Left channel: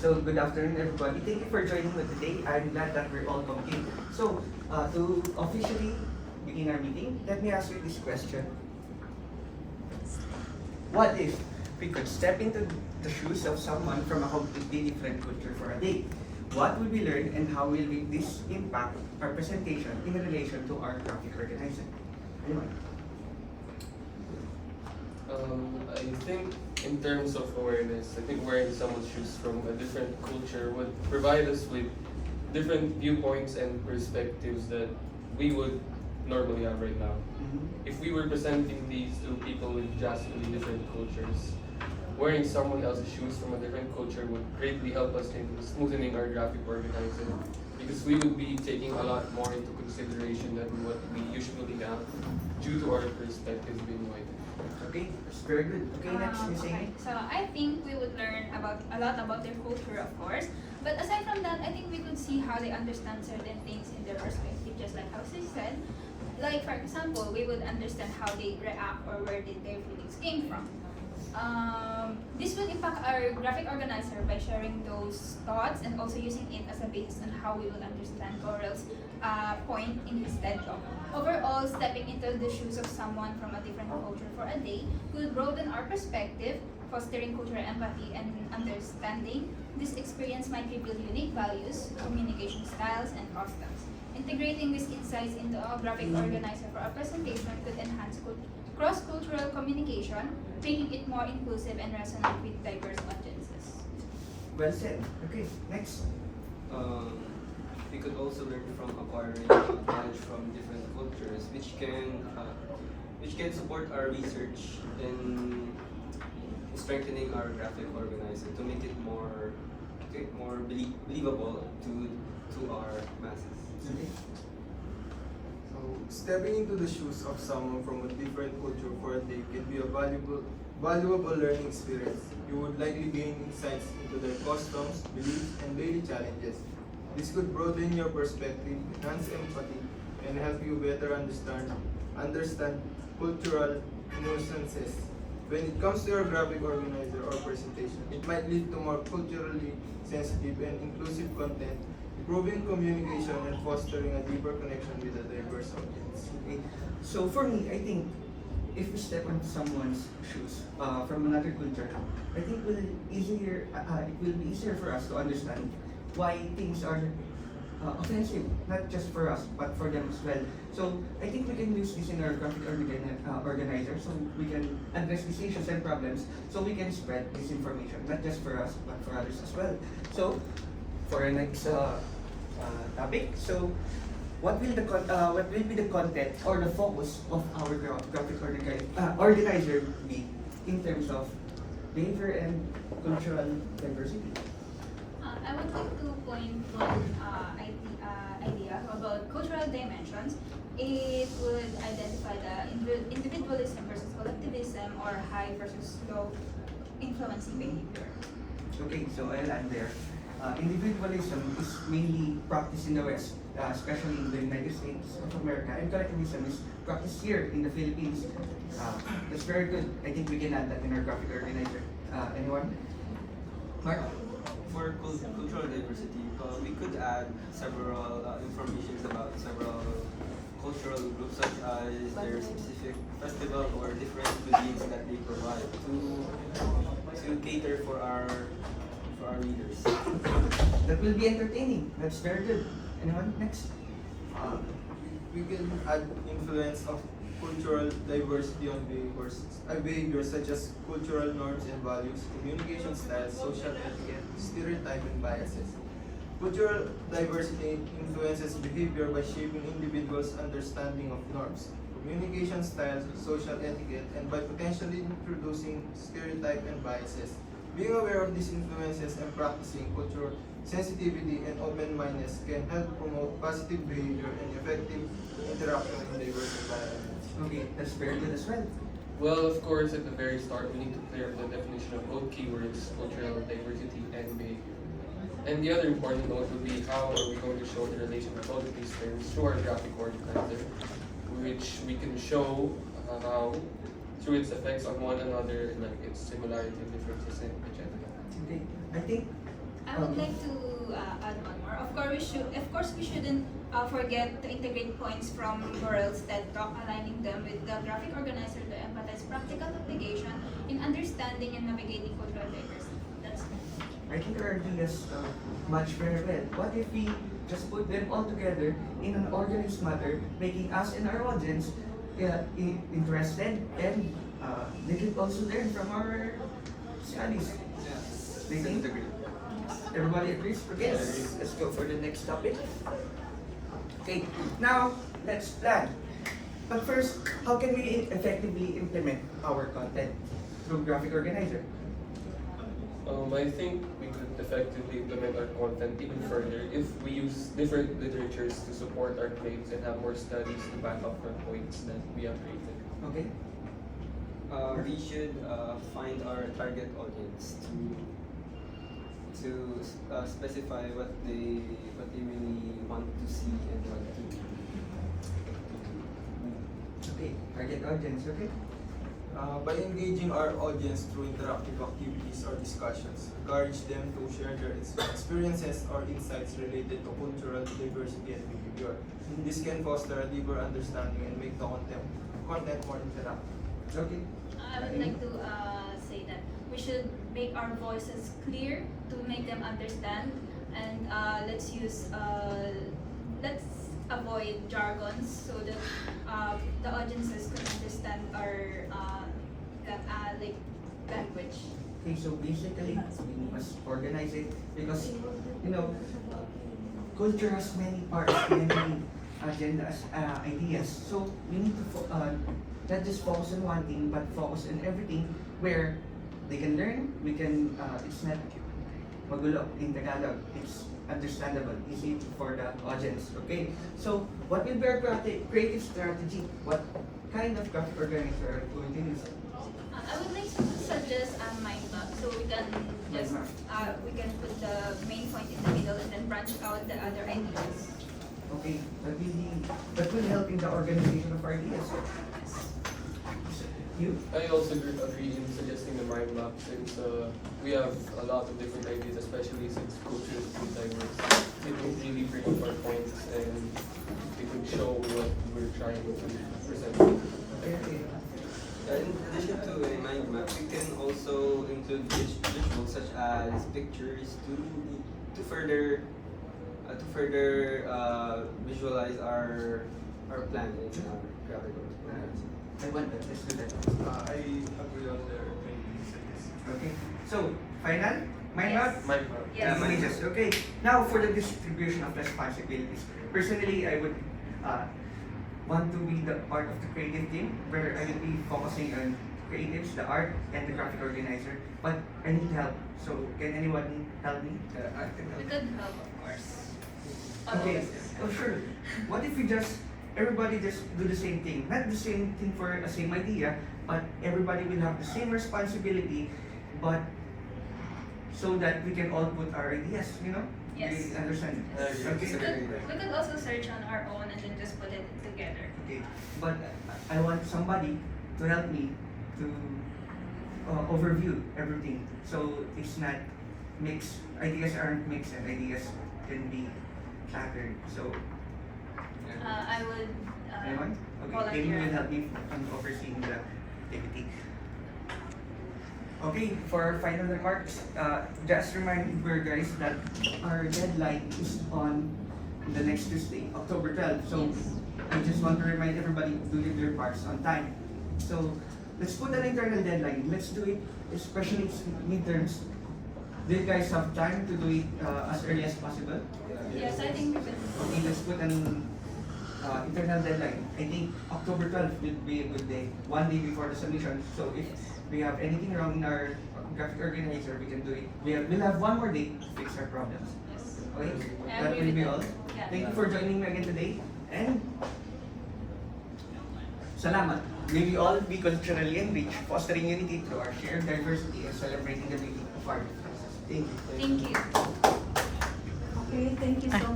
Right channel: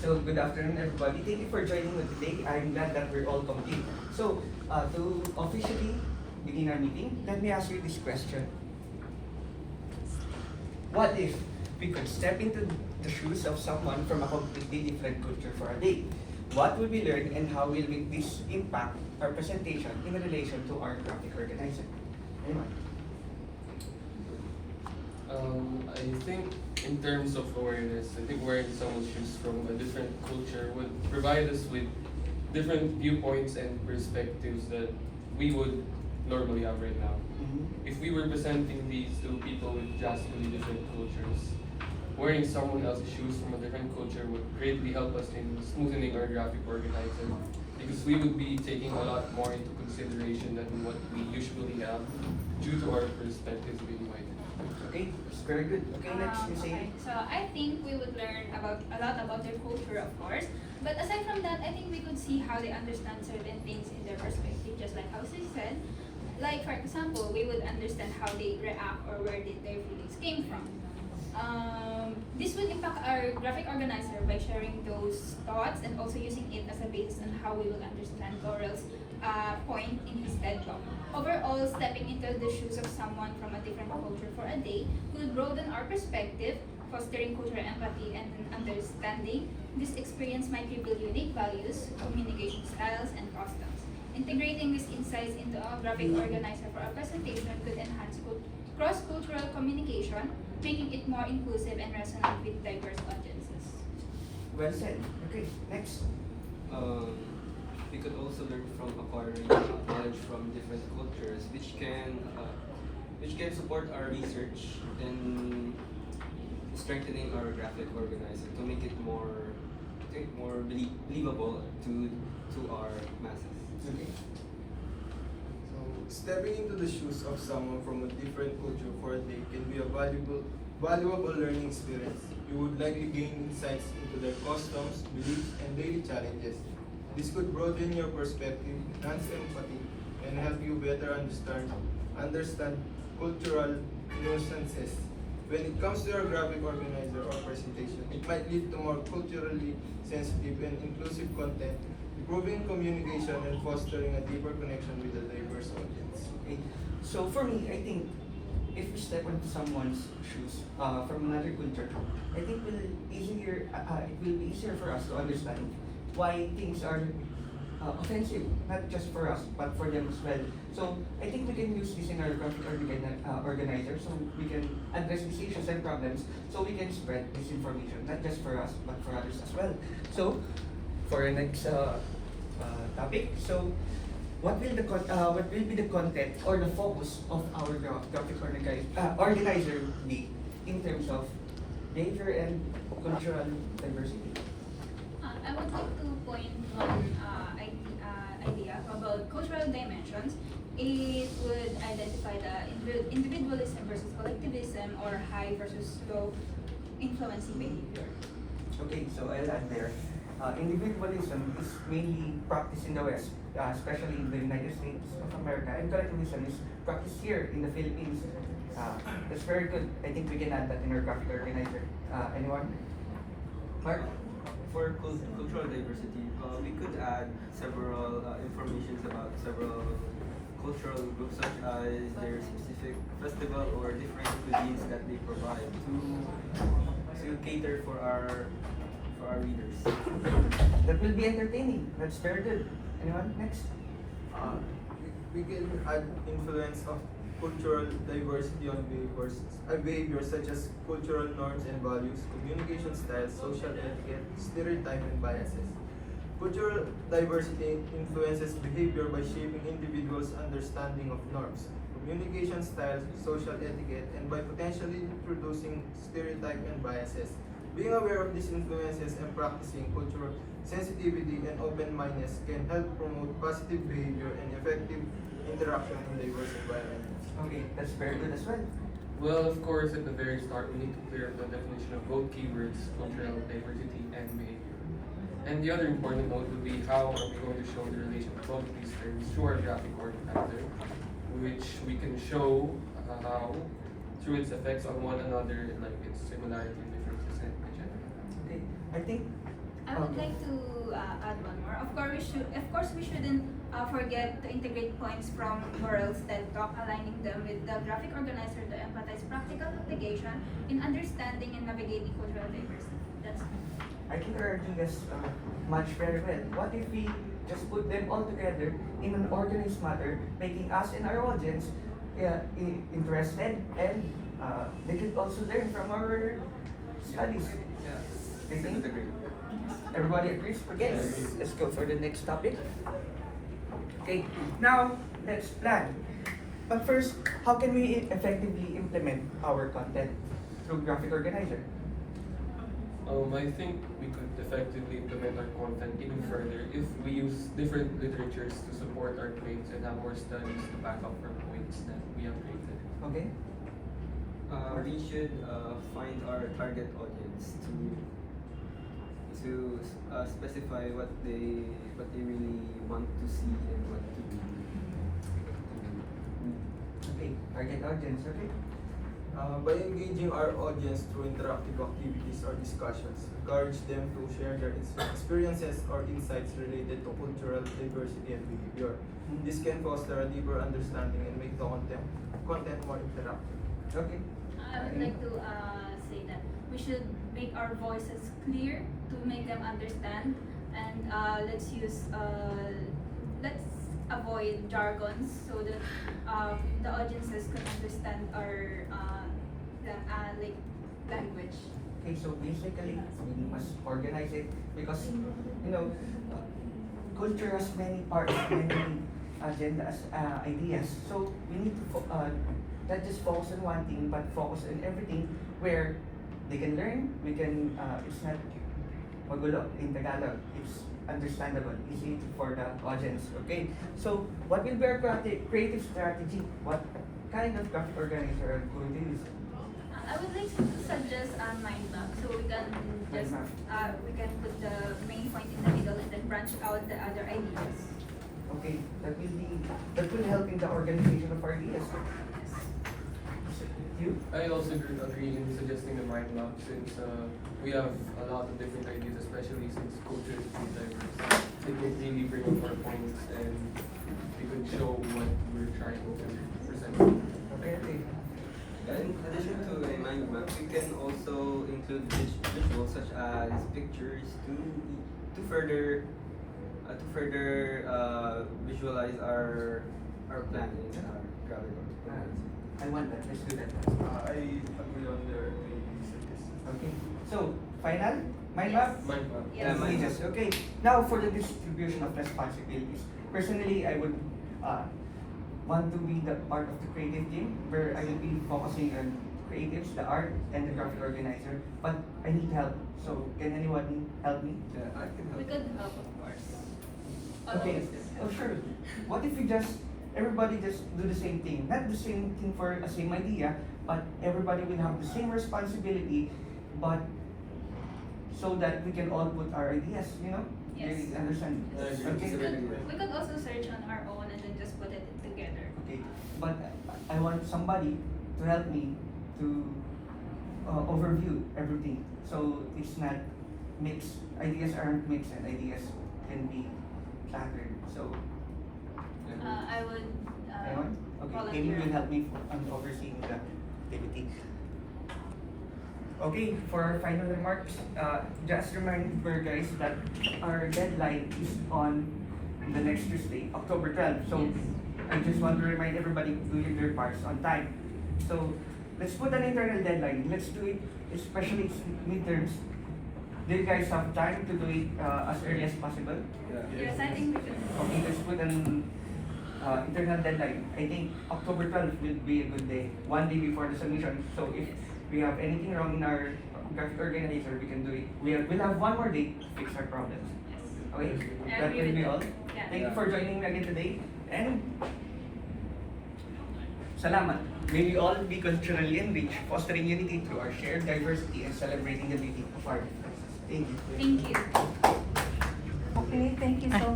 So good afternoon, everybody. Thank you for joining me today. I'm glad that we're all complete. So to officially begin our meeting, let me ask you this question: what if we could step into the shoes of someone from a completely different culture for a day? What will we learn, and how will this impact our presentation in relation to our graphic organizer? Anyone? I think in terms of awareness, I think wearing someone's shoes from a different culture would provide us with different viewpoints and perspectives that we would normally have right now. If we were presenting these to people with drastically different cultures, wearing someone else's shoes from a different culture would greatly help us in smoothening our graphic organizing, because we would be taking a lot more into consideration than what we usually have due to our perspectives being white. Okay, it's very good. Okay, next, Miss Okay, Amy. so I think we would learn about a lot about their culture, of course. But aside from that, I think we could see how they understand certain things in their perspective, just like how she said. Like for example, we would understand how they react or where did their feelings came from. This would impact our graphic organizer by sharing those thoughts and also using it as a basis on how we will understand Coral's point in his TED Talk. Overall, stepping into the shoes of someone from a different culture for a day could broaden our perspective, fostering cultural empathy and understanding. This experience might reveal unique values, communication styles, and customs. Integrating these insights into a graphic organizer for a presentation could enhance cross-cultural communication, making it more inclusive and resonant with diverse audiences. Well said. Okay, next. We could also learn from acquiring knowledge from different cultures, which can support our research in strengthening our graphic organizer to make it more believable to our masses. Okay. So, stepping into the shoes of someone from a different culture for a day can be a valuable learning experience. You would likely gain insights into their customs, beliefs, and daily challenges. This could broaden your perspective, enhance empathy, and help you better understand cultural nuances. When it comes to your graphic organizer or presentation, it might lead to more culturally sensitive and inclusive content, improving communication and fostering a deeper connection with a diverse audience. Okay. So for me, I think if we step into someone's shoes from another culture, I think it will be easier for us to understand why things are offensive, not just for us, but for them as well. So I think we can use this in our graphic organizer, so we can address these issues and problems, so we can spread this information, not just for us, but for others as well. So for our next topic, so what will be the content or the focus of our graphic organizer be in terms of behavior and cultural diversity? I would like to point one idea about cultural dimensions. It would identify the individualism versus collectivism or high versus low influencing behavior. Okay, so I'll add there. Individualism is mainly practiced in the West, especially in the United States of America, and collectivism is practiced here in the Philippines. That's very good. I think we can add that in our graphic organizer. Anyone? Mark? For cultural diversity, we could add several informations about several cultural groups, such as their specific festival or different cuisines that they provide to cater for our readers. That will be entertaining. That's very good. Anyone? Next? We can add influence of cultural diversity on behaviors such as cultural norms and values, communication styles, social etiquette, stereotype, and biases. Cultural diversity influences behavior by shaping individuals' understanding of norms, communication styles, social etiquette, and by potentially introducing stereotype and biases. Being aware of these influences and practicing cultural sensitivity and open-mindedness can help promote positive behavior and effective interaction in diverse environments. Okay, that's very good as well. Well, of course, at the very start, we need to clear up the definition of both keywords, cultural diversity and behavior. And the other important note would be how are we going to show the relation of both of these terms through our graphic organizer, which we can show how through its effects on one another, like its similarity, differences, and etc. Okay, I think I I would like to add one more. Of course, we shouldn't forget to integrate points from Morel's TED Talk, aligning them with the graphic organizer to empathize practical application in understanding and navigating cultural diversity. That's it. I think our ideas match very well. What if we just put them all together in an organized manner, making us and our audience interested, and they can also learn from our studies. Yes. They think? Agree. Everybody agrees? Okay, let's go for the next topic. Okay, now let's plan. But first, how can we effectively implement our content through graphic organizer? I think we could effectively implement our content even further if we use different literatures to support our claims and have more studies to back up our points that we have created. Okay? We should find our target audience to specify what they really want to see and what to do. Okay, target audience, okay? By engaging our audience through interactive activities or discussions, encourage them to share their experiences or insights related to cultural diversity and behavior. This can foster a deeper understanding and make the content more interactive. Okay. I would like to say that we should make our voices clear to make them understand, and let's avoid jargons so that the audiences can understand our language. Okay, so basically, we must organize it because, culture has many parts, many agendas, ideas. So we need to not just focus on one thing, but focus on everything where they can learn. We can. It's not magulo in Tagalog. It's understandable, easy for the audience. Okay. So what will be our creative strategy? What kind of graphic organizer are we going to use? I would like to suggest a mind map so we can just we can put the main point in the middle and then branch out the other ideas. Okay, that will help in the organization of our ideas. You? I also agree in suggesting the mind map since we have a lot of different ideas, especially since culture is pretty diverse. It will really bring up our points and it will show what we're trying to present. Okay. In addition to a mind map, we can also include visuals such as pictures to further visualize our planet and our gravity. I want that. Let's do that. I agree on their suggestions. Okay. So, final? Mind map? Mind map. Yes. Yeah, mind map. Images. Okay. Now for the distribution of responsibilities. Personally, I would want to be the part of the creative team where I will be focusing on creatives, the art, and the graphic organizer. But I need help. So, can anyone help me? Yeah, I think We could help, of course. Okay. Oh, sure. What if we everybody just do the same thing? Not the same thing for a same idea, but everybody will have the same responsibility, but so that we can all put our ideas, Yes. You understand? Yes. Okay. We could also search on our own and then just put it together. Okay. But I want somebody to help me to overview everything. So it's not mixed. Ideas aren't mixed and ideas can be cluttered. So I would anyone? Okay, Amy will help me on overseeing the activity. Okay, for our final remarks, just remember guys that our deadline is on the next Tuesday, October 12th. So Yes. I just want to remind everybody to do their parts on time. So let's put an internal deadline. Let's do it, especially it's midterms. Do you guys have time to do it as early as possible? Yes, I think we could. Okay, let's put an internal deadline. I think October 12th will be a good day, one day before the submission. So if we have anything wrong in our graphic organizer, we can do it. We'll have one more day to fix our problems. Yes. Okay? I That agree will with be that. all. Yeah. Thank you for joining me again today. And salamat. May we all be culturally enriched, fostering unity through our shared diversity and celebrating the beauty of our differences. Thank you. Thank you. Okay, thank you so much.